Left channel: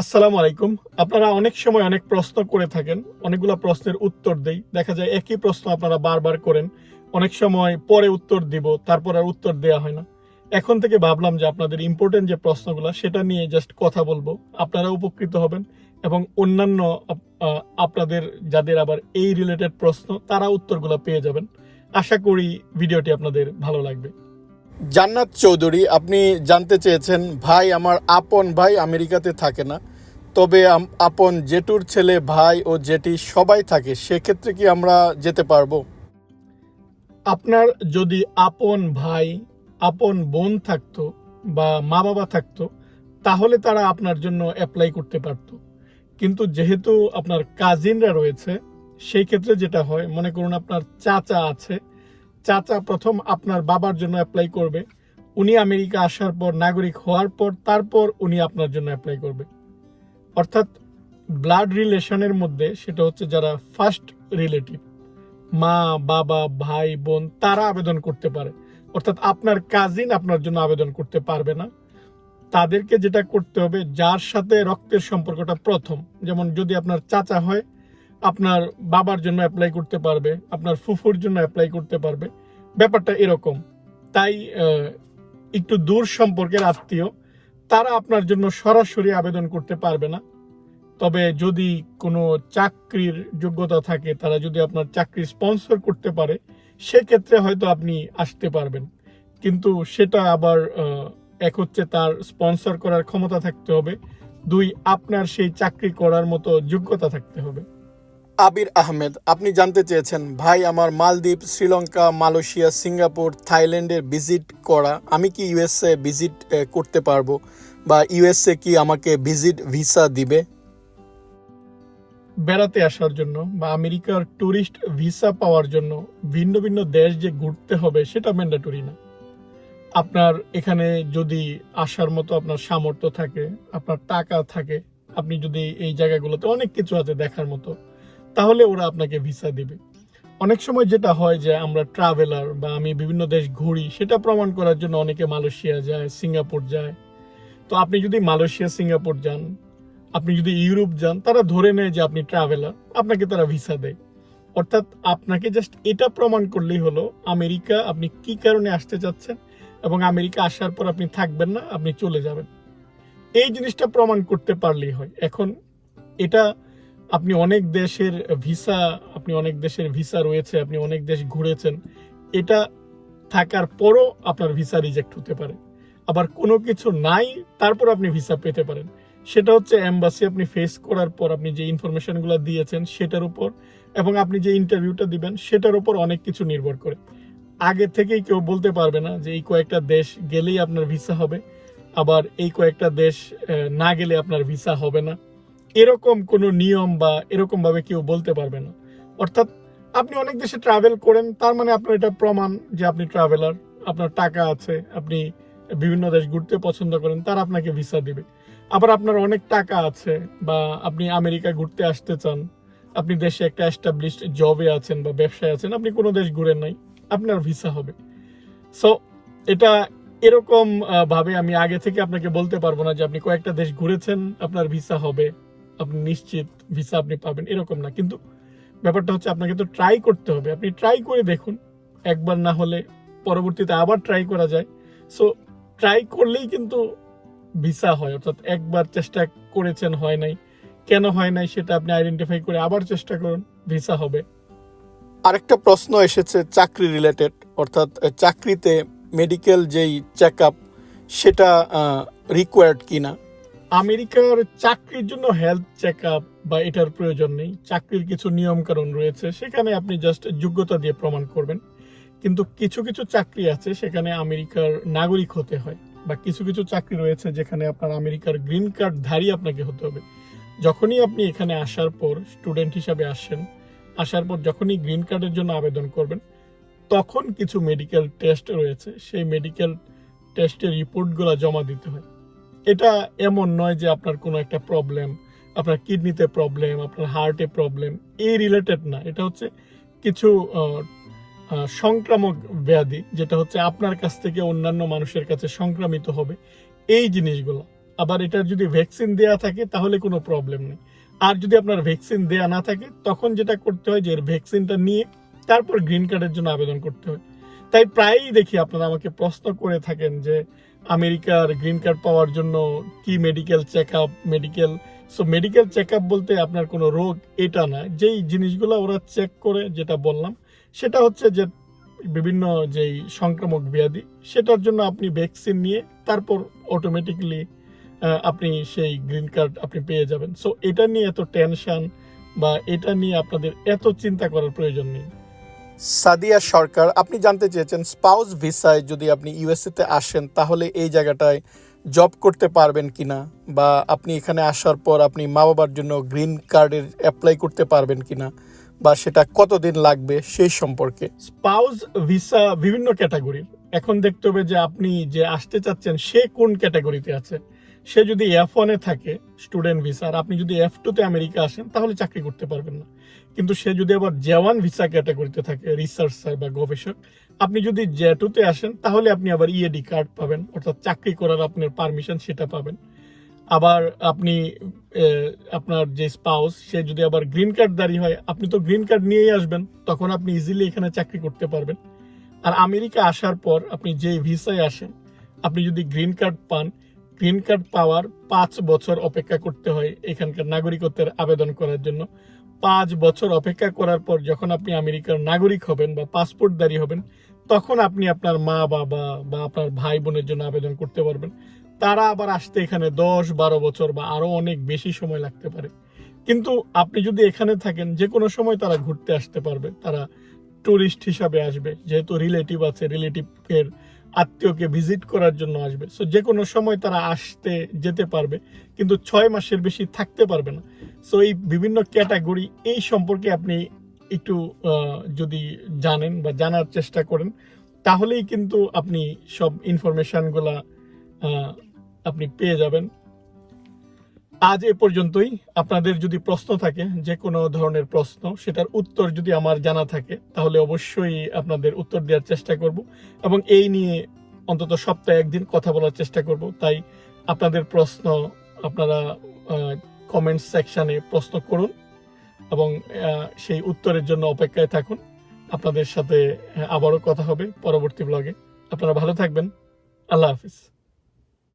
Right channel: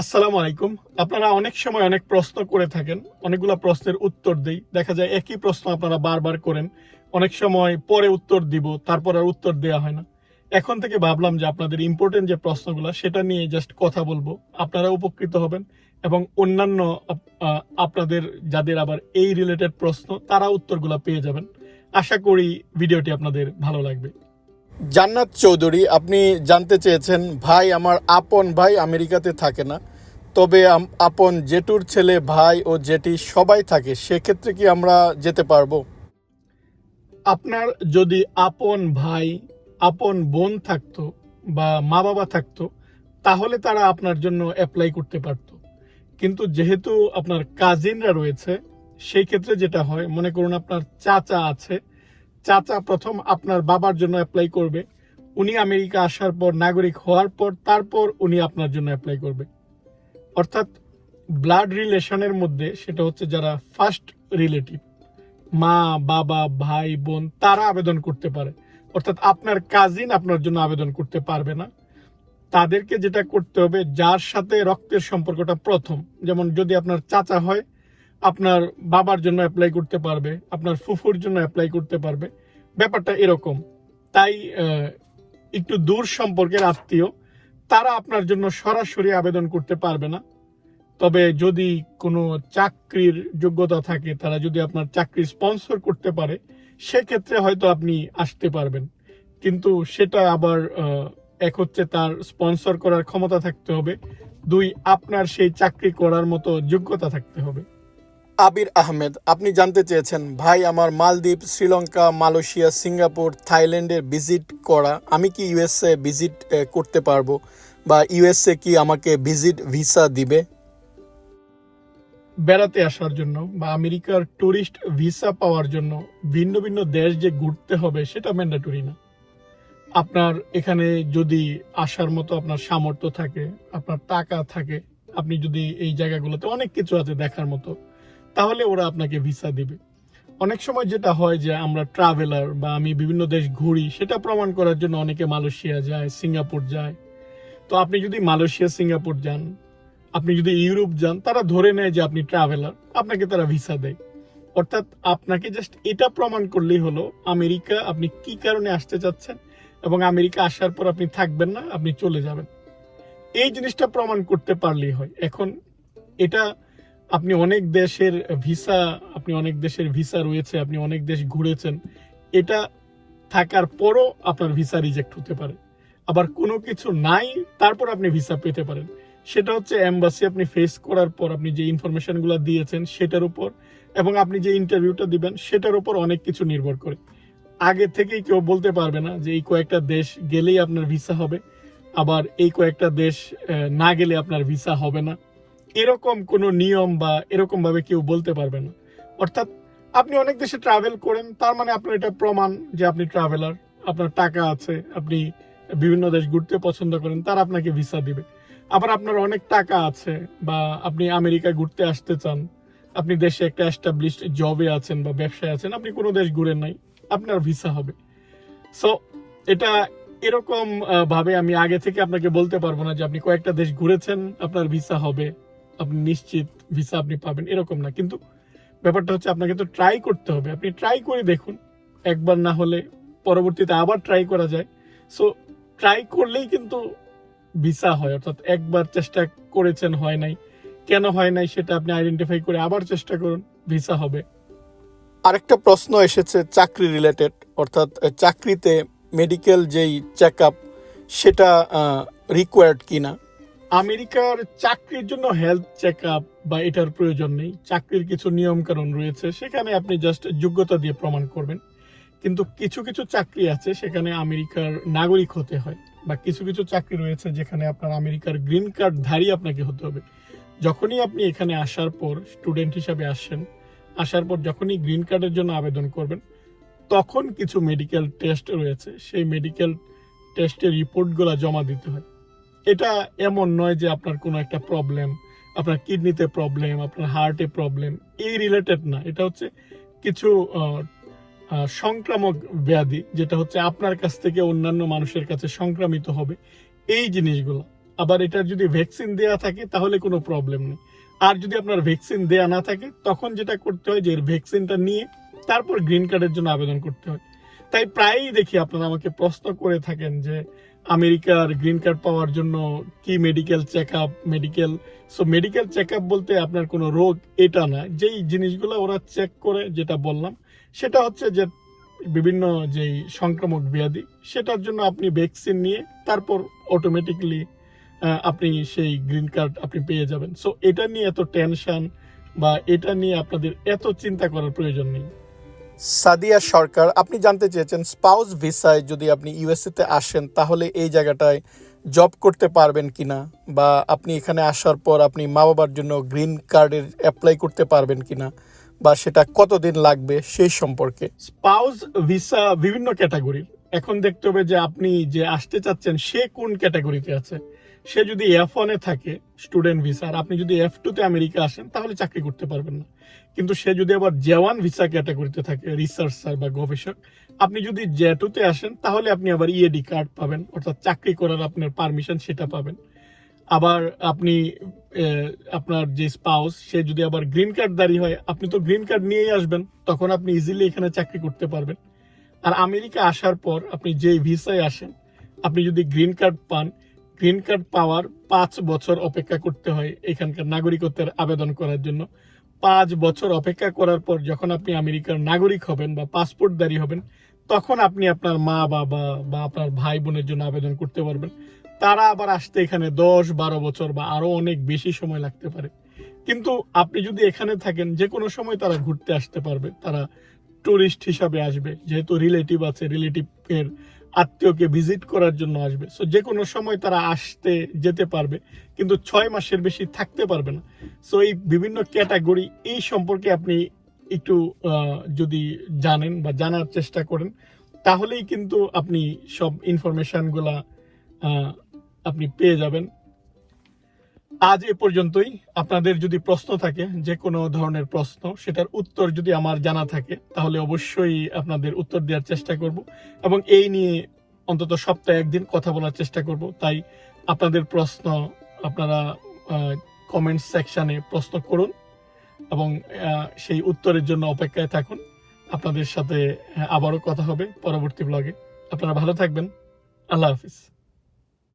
আসসালামু আলাইকুম। আপনারা অনেক সময় অনেক প্রশ্ন করে থাকেন, অনেকগুলো প্রশ্নের উত্তর দেই। দেখা যায় একই প্রশ্ন আপনারা বারবার করেন, অনেক সময় পরে উত্তর দিব, তারপর আর উত্তর দেওয়া হয় না। এখন থেকে ভাবলাম যে আপনাদের ইম্পর্টেন্ট যে প্রশ্নগুলো, সেটা নিয়ে জাস্ট কথা বলব। আপনারা উপকৃত হবেন এবং অন্যান্য আপনাদের যাদের আবার এই রিলেটেড প্রশ্ন, তারা উত্তরগুলো পেয়ে যাবেন। আশা করি ভিডিওটি আপনাদের ভালো লাগবে। জান্নাত চৌধুরী, আপনি জানতে চেয়েছেন, ভাই, আমার আপন ভাই আমেরিকাতে থাকে না। তবে আপন জেঠুর ছেলে, ভাই ও জেঠি সবাই থাকে। সেক্ষেত্রে কি আমরা যেতে পারব? আপনার যদি আপন ভাই, আপন বোন থাকতো বা মা বাবা থাকতো, তাহলে তারা আপনার জন্য অ্যাপ্লাই করতে পারতো। কিন্তু যেহেতু আপনার কাজিনরা রয়েছে, সেই ক্ষেত্রে যেটা হয়, মনে করুন আপনার চাচা আছে চাচা প্রথম আপনার বাবার জন্য অ্যাপ্লাই করবে। উনি আমেরিকা আসার পর, নাগরিক হওয়ার পর, তারপর উনি আপনার জন্য অ্যাপ্লাই করবে। অর্থাৎ ব্লাড রিলেশনের মধ্যে সেটা হচ্ছে যারা ফার্স্ট রিলেটিভ মা, বাবা, ভাই, বোন, তারা আবেদন করতে পারে। অর্থাৎ আপনার কাজিন আপনার জন্য আবেদন করতে পারবে না। তাদেরকে যেটা করতে হবে, যার সাথে রক্তের সম্পর্কটা প্রথম, যেমন যদি আপনার চাচা হয় আপনার বাবার জন্য অ্যাপ্লাই করতে পারবে, আপনার ফুফুর জন্য অ্যাপ্লাই করতে পারবে। ব্যাপারটা এরকম। তাই একটু দূর সম্পর্কের আত্মীয়, তারা আপনার জন্য সরাসরি আবেদন করতে পারবে না। তবে যদি কোনো চাকরির যোগ্যতা থাকে, তারা যদি আপনার চাকরি স্পন্সর করতে পারে, সেক্ষেত্রে হয়তো আপনি আসতে পারবেন। কিন্তু সেটা আবার এক হচ্ছে তার স্পন্সর করার ক্ষমতা থাকতে হবে, দুই, আপনার সেই চাকরি করার মতো যোগ্যতা থাকতে হবে। আবির আহমেদ, আপনি জানতে চেয়েছেন, ভাই, আমার মালদ্বীপ, শ্রীলঙ্কা, মালয়েশিয়া, সিঙ্গাপুর, থাইল্যান্ডের ভিজিট করা, আমি কি ইউএসএ ভিজিট করতে পারব? বা ইউএসএ কি আমাকে ভিজিট ভিসা দিবে? বেড়াতে আসার জন্য বা আমেরিকার টুরিস্ট ভিসা পাওয়ার জন্য ভিন্ন ভিন্ন দেশ যে ঘুরতে হবে, সেটা ম্যান্ডেটরি না। আপনার এখানে যদি আসার মতো আপনার সামর্থ্য থাকে, আপনার টাকা থাকে, আপনি যদি এই জায়গাগুলোতে অনেক কিছু আছে দেখার মতো তাহলে ওরা আপনাকে ভিসা দিবে। অনেক সময় যেটা হয় যে আমরা ট্রাভেলার বা আমি বিভিন্ন দেশ ঘুরি, সেটা প্রমাণ করার জন্য অনেকে মালয়েশিয়া যায়, সিঙ্গাপুর যায়। তো আপনি যদি মালয়েশিয়া, সিঙ্গাপুর যান, আপনি যদি ইউরোপ যান, তারা ধরে নেয় যে আপনি ট্রাভেলার আপনাকে তারা ভিসা দেয়। অর্থাৎ আপনাকে জাস্ট এটা প্রমাণ করলেই হলো, আমেরিকা আপনি কি কারণে আসতে চাচ্ছেন এবং আমেরিকা আসার পর আপনি থাকবেন না, আপনি চলে যাবেন। এই জিনিসটা প্রমাণ করতে পারলেই হয়। এখন এটা আপনি অনেক দেশের ভিসা, আপনি অনেক দেশের ভিসা রয়েছে, আপনি অনেক দেশ ঘুরেছেন, এটা থাকার পরও আপনার ভিসা রিজেক্ট হতে পারে। আবার কোনো কিছু নাই, তারপর আপনি ভিসা পেতে পারেন। সেটা হচ্ছে এম্বাসি আপনি ফেস করার পর আপনি যে ইনফরমেশনগুলো দিয়েছেন সেটার উপর এবং আপনি যে ইন্টারভিউটা দিবেন সেটার উপর অনেক কিছু নির্ভর করে। আগে থেকেই কেউ বলতে পারবে না যে এই কয়েকটা দেশ গেলেই আপনার ভিসা হবে, আবার এই কয়েকটা দেশ না গেলে আপনার ভিসা হবে না। এরকম কোনো নিয়ম বা এরকম ভাবে কেউ বলতে পারবে না। অর্থাৎ আপনি অনেক দেশে ট্রাভেল করেন, তার মানে আপনার এটা প্রমাণ যে আপনি ট্রাভেলার আপনার টাকা আছে, আপনি বিভিন্ন দেশ ঘুরতে পছন্দ করেন, তারা আপনাকে ভিসা দিবে। আবার আপনার অনেক টাকা আছে বা আপনি আমেরিকা ঘুরতে আসতে চান, আপনি দেশে একটা এস্টাবলিশড জবে আছেন বা ব্যবসায় আছেন, আপনি কোনো দেশ ঘুরেন নাই, আপনার ভিসা হবে। সো এটা এরকম ভাবে আমি আগে থেকে আপনাকে বলতে পারব না যে আপনি কয়েকটা দেশ ঘুরেছেন, আপনার ভিসা হবে। আপনি নিশ্চিত ভিসা আপনি পাবেন, এরকম না। কিন্তু ব্যাপারটা হচ্ছে আপনাকে তো ট্রাই করতে হবে। আপনি ট্রাই করে দেখুন, একবার না হলে পরবর্তীতে আবার ট্রাই করা যায়। সো ট্রাই করলেই কিন্তু ভিসা হয়, অর্থাৎ একবার চেষ্টা করেছেন, হয় নাই। কেন হয় নাই সেটা আপনি আইডেন্টিফাই করে আবার চেষ্টা করুন ভিসা হবে। আরেকটা প্রশ্ন এসেছে চাকরি রিলেটেড অর্থাৎ চাকরিতে মেডিকেল যেই চেক আপ সেটা রিকোয়ার্ড কিনা? আমেরিকার চাকরির জন্য হেলথ চেক বা এটার প্রয়োজন নেই। চাকরির কিছু নিয়ম কানুন রয়েছে, সেখানে আপনি জাস্ট যোগ্যতা দিয়ে প্রমাণ করবেন। কিন্তু কিছু কিছু চাকরি আছে সেখানে আমেরিকার নাগরিক হতে হয় বা কিছু কিছু চাকরি রয়েছে যেখানে আপনার আমেরিকার গ্রিন কার্ড ধারী আপনাকে হতে হবে। যখনই আপনি এখানে আসার পর স্টুডেন্ট হিসাবে আসছেন আসার পর যখনই গ্রিন কার্ডের জন্য আবেদন করবেন, তখন কিছু মেডিকেল টেস্ট রয়েছে। সেই মেডিকেল টেস্টের রিপোর্টগুলো জমা দিতে হয়। এটা এমন নয় যে আপনার কোনো একটা প্রবলেম আপনার কিডনিতে প্রবলেম আপনার হার্টে প্রবলেম এই রিলেটেড না। এটা হচ্ছে কিছু সংক্রামক ব্যাধি, যেটা হচ্ছে আপনার কাছ থেকে অন্যান্য মানুষের কাছে সংক্রামিত হবে। এই জিনিসগুলো। আবার এটার যদি ভ্যাকসিন দেয়া থাকে, তাহলে কোনো প্রবলেম নেই। আর যদি আপনার ভ্যাকসিন দেয়া না থাকে, তখন যেটা করতে হয় যে এর ভ্যাকসিনটা নিয়ে তারপর গ্রিন কার্ডের জন্য আবেদন করতে হয়। তাই প্রায়ই দেখি আপনারা আমাকে প্রশ্ন করে থাকেন যে আমেরিকার গ্রিন কার্ড পাওয়ার জন্য কি medical check up medical so medical check up বলতে আপনার কোনো রোগ এটা না। যেই জিনিসগুলো ওরা চেক করে, যেটা বললাম, সেটা হচ্ছে যে বিভিন্ন যেই সংক্রামক ব্যাধি, সেটার জন্য আপনি ভ্যাকসিন নিয়ে তারপর অটোমেটিকলি আপনি সেই গ্রিন কার্ড আপনি পেয়ে যাবেন। সো এটা নিয়ে এত টেনশন বা এটা নিয়ে আপনাদের এত চিন্তা করার প্রয়োজন নেই। সাদিয়া সরকার, আপনি জানতে চেয়েছেন স্পাউস ভিসায় যদি আপনি ইউএসএতে আসেন, তাহলে এই জায়গাটায় জব করতে পারবেন কিনা? বা আপনি এখানে আসার পর আপনি মা বাবার জন্য গ্রিন কার্ডের অ্যাপ্লাই করতে পারবেন কিনা? বা সেটা কতদিন লাগবে সেই সম্পর্কে? স্পাউস ভিসা বিভিন্ন ক্যাটাগরির এখন দেখতে হবে যে আপনি যে আসতে চাচ্ছেন, সে কোন ক্যাটাগরিতে আছে? সে যদি এফ ওয়ানে থাকে স্টুডেন্ট ভিসা আর আপনি যদি এফ টুতে আমেরিকা আসেন, তাহলে চাকরি করতে পারবেন না। কিন্তু সে যদি আবার জেওয়ান ভিসা ক্যাটাগরিতে থাকে রিসার্চার বা গবেষক, আপনি যদি জে টুতে আসেন, তাহলে আপনি আবার ইএডি কার্ড পাবেন, অর্থাৎ চাকরি করার আপনার পারমিশন সেটা পাবেন। আবার আপনি আপনার যে স্পাউস সে যদি আবার গ্রিন কার্ড দাঁড়িয়ে হয়, আপনি তো গ্রিন কার্ড নিয়েই আসবেন, তখন আপনি ইজিলি এখানে চাকরি করতে পারবেন। আর আমেরিকা আসার পর আপনি যে ভিসায় আসেন, আপনি যদি গ্রিন কার্ড পান গ্রিন কার্ড পাওয়ার পাঁচ বছর অপেক্ষা করতে হয় এখানকার নাগরিকত্বের আবেদন করার জন্য। পাঁচ বছর অপেক্ষা করার পর যখন আপনি আমেরিকার নাগরিক হবেন বা পাসপোর্টধারী হবেন, তখন আপনি আপনার মা, বাবা বা আপনার ভাই বোনের জন্য আবেদন করতে পারবেন। তারা আবার আসতে এখানে দশ, বারো বছর বা আরও অনেক বেশি সময় লাগতে পারে। কিন্তু আপনি যদি এখানে থাকেন, যে কোনো সময় তারা ঘুরতে আসতে পারবে। তারা টুরিস্ট হিসাবে আসবে। যেহেতু রিলেটিভ আছে, রিলেটিভের আত্মীয়কে ভিজিট করার জন্য আসবে। সো যে কোনো সময় তারা আসতে যেতে পারবে, কিন্তু ছয় মাসের বেশি থাকতে পারবে না। সো এই বিভিন্ন ক্যাটাগরি, এই সম্পর্কে আপনি একটু যদি জানেন বা জানার চেষ্টা করেন, তাহলেই কিন্তু আপনি সব ইনফরমেশানগুলা আপনি পেয়ে যাবেন। আজ এ পর্যন্তই। আপনাদের যদি প্রশ্ন থাকে, যে কোনো ধরনের প্রশ্ন, সেটার উত্তর যদি আমার জানা থাকে, তাহলে অবশ্যই আপনাদের উত্তর দেওয়ার চেষ্টা করব এবং এই নিয়ে অন্তত সপ্তাহে একদিন কথা বলার চেষ্টা করব। তাই আপনাদের প্রশ্ন আপনারা কমেন্ট সেকশনে প্রশ্ন করুন এবং সেই উত্তরের জন্য অপেক্ষায় থাকুন। আপনাদের সাথে, আবারও কথা হবে পরবর্তী ব্লগে আপনারা ভালো থাকবেন। আল্লাহ হাফিজ।